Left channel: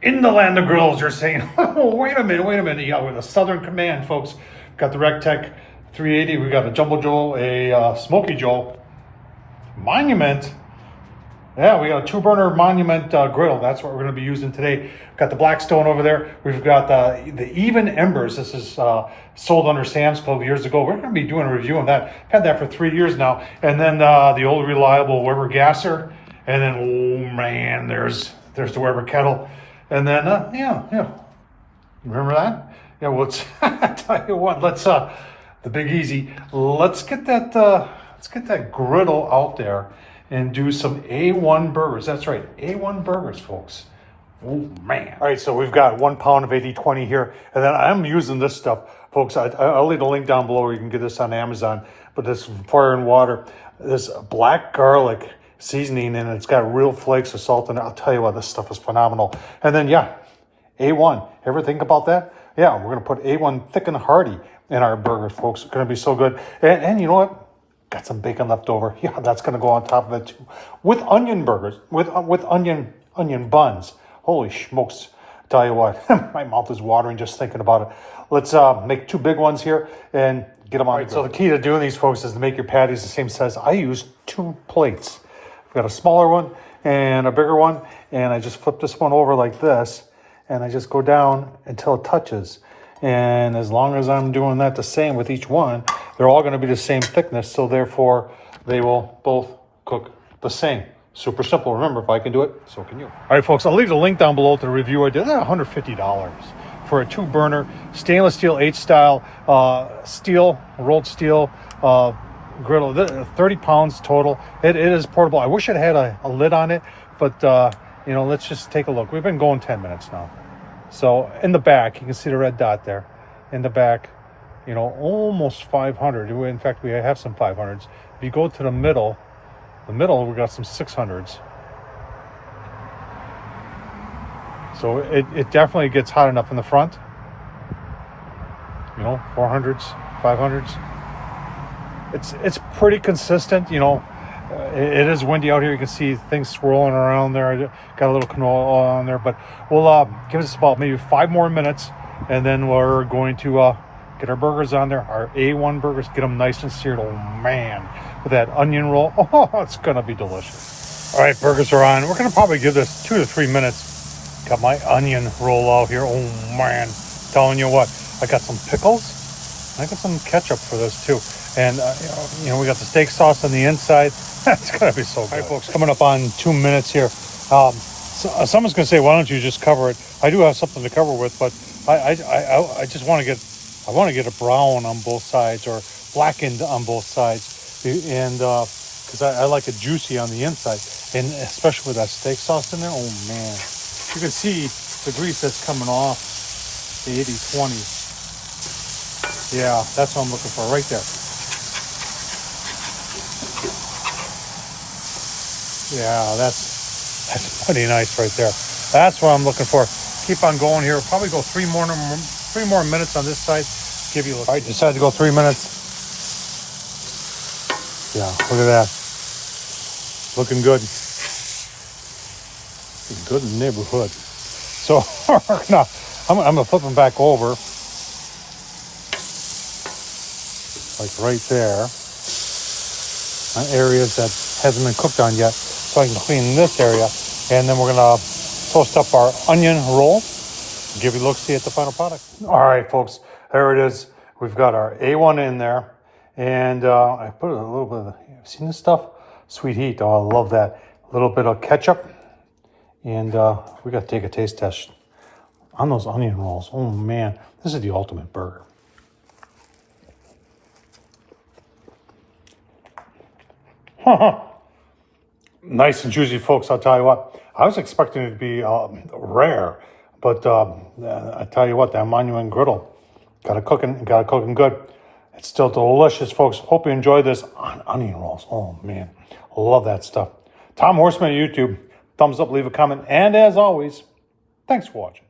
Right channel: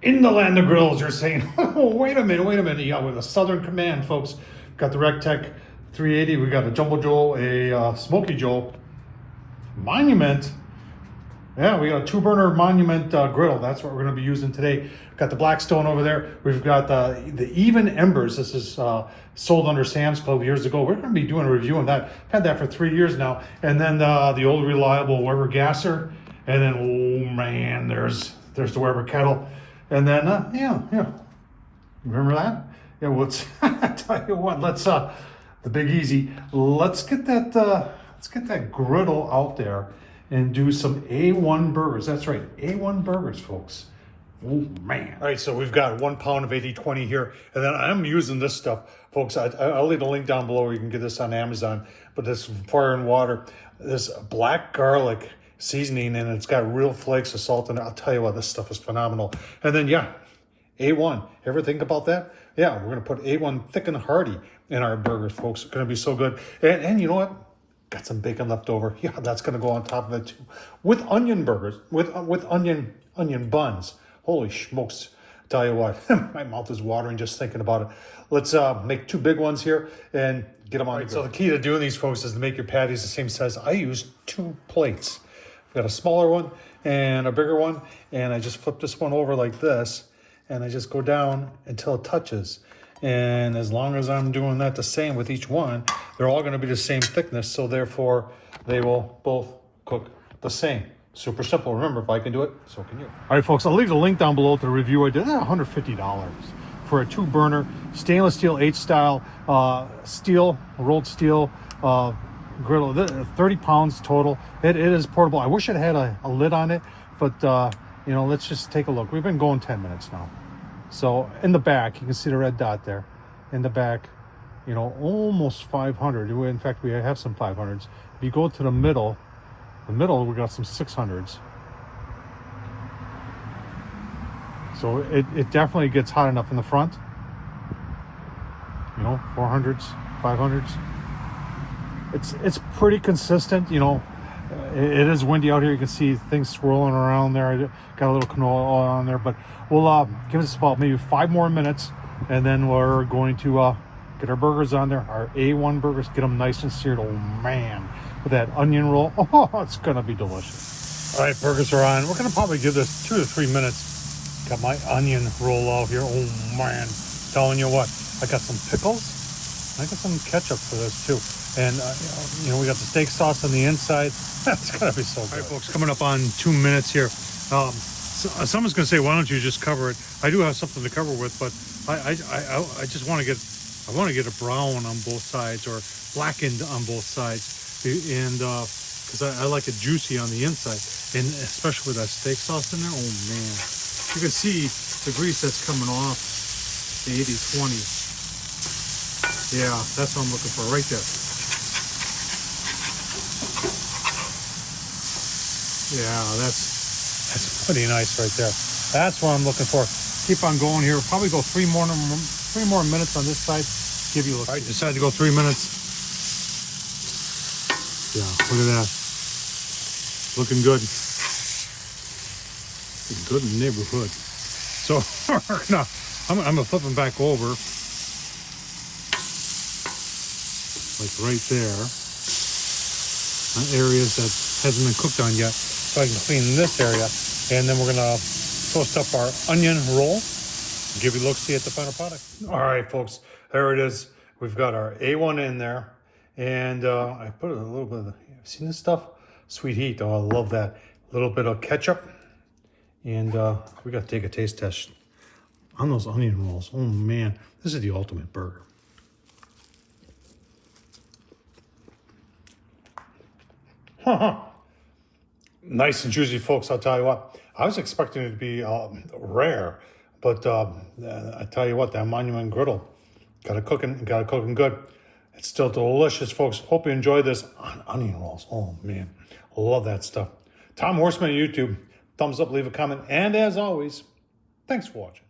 In the land of grills, you're saying, oh, wait a minute. Yeah, we're the Southern Command, folks. Got the Rectech 380. We got a Jumbo Joel, a Smoky Joel, Monument. Yeah, we got a 2-burner Monument griddle. That's what we're going to be using today. Got the Blackstone over there. We've got the Even Embers. This is sold under Sam's Club years ago. We're going to be doing a review on that. I've had that for 3 years now. And then the old reliable Weber gasser. And then, oh man, there's the Weber kettle. And then, yeah, remember that? Yeah, well, I tell you what, let's, the Big Easy, let's get that griddle out there and do some A1 burgers. That's right, A1 burgers, folks. Oh, man. All right, so we've got 1 pound of 80/20 here, and then I'm using this stuff, folks. I'll leave a link down below where you can get this on Amazon, but this fire and water, this black garlic seasoning, and it's got real flakes of salt, and I'll tell you what, this stuff is phenomenal. And then, yeah, A1. Ever think about that? Yeah, we're gonna put A1 thick and hearty in our burgers, folks. It's gonna be so good. And you know what? Got some bacon left over. Yeah, that's gonna go on top of it too. With onion burgers, with onion buns. Holy smokes! Tell you what, my mouth is watering just thinking about it. Let's make 2 big ones here and get them on. Right, so the key to doing these, folks, is to make your patties the same size. I use 2 plates. I've got a smaller one and a bigger one, and I just flip this one over like this, and I just go down until it touches. And as long as I'm doing that the same with each one, they're all going to be the same thickness, so therefore they will both cook the same. Super simple. Remember, if I can do it, so can you. All right, folks, I'll leave the link down below to the review I did. $150 for a 2-burner stainless steel 8-style rolled steel griddle. 30 pounds total. It is portable. I wish it had a lid on it, but you know, let's just take a look. We've been going 10 minutes now. So in the back, you can see the red dot there. In the back, you know, almost 500. In fact, we have some 500s. If you go to the middle, we got some 600s. So it definitely gets hot enough in the front. You know, 400s, 500s. It's pretty consistent, you know. It is windy out here. You can see things swirling around there. Got a little canola oil on there, but we'll give this about maybe 5 more minutes, and then we're going to get our burgers on there, our A1 burgers, get them nice and seared. Oh man, with that onion roll, oh, it's gonna be delicious. All right, burgers are on. We're gonna probably give this 2 to 3 minutes. Got my onion roll out here. Oh man, telling you what, I got some pickles. I got some ketchup for this too. And, you know, we got the steak sauce on the inside. That's going to be so good. All right, folks, coming up on 2 minutes here. So someone's going to say, why don't you just cover it? I do have something to cover with, but I just want to get a brown on both sides or blackened on both sides. And because I like it juicy on the inside. And especially with that steak sauce in there. Oh, man. You can see the grease that's coming off the 80/20. Yeah, that's what I'm looking for right there. Yeah, that's pretty nice right there. That's what I'm looking for. Keep on going here. We'll probably go 3 more minutes on this side. Give you a look. All right, decided to go 3 minutes. Yeah, look at that. Looking good. Looking good in the neighborhood. So I'm gonna flip them back over, like right there, on areas that hasn't been cooked on yet. So I can clean this area, and then we're gonna toast up our onion roll and give you a look-see at the final product. All right, folks, there it is. We've got our A1 in there, and I put a little bit of, you seen this stuff? Sweet heat, oh, I love that. A little bit of ketchup, and we got to take a taste test on those onion rolls. Oh man, this is the ultimate burger. Nice and juicy, folks. I'll tell you what, I was expecting it to be rare, but I tell you what, that Monument griddle got it cooking good. It's still delicious, folks. Hope you enjoy this on onion rolls. Oh man, I love that stuff. Tom Horsman on YouTube. Thumbs up, leave a comment, and as always, thanks for watching.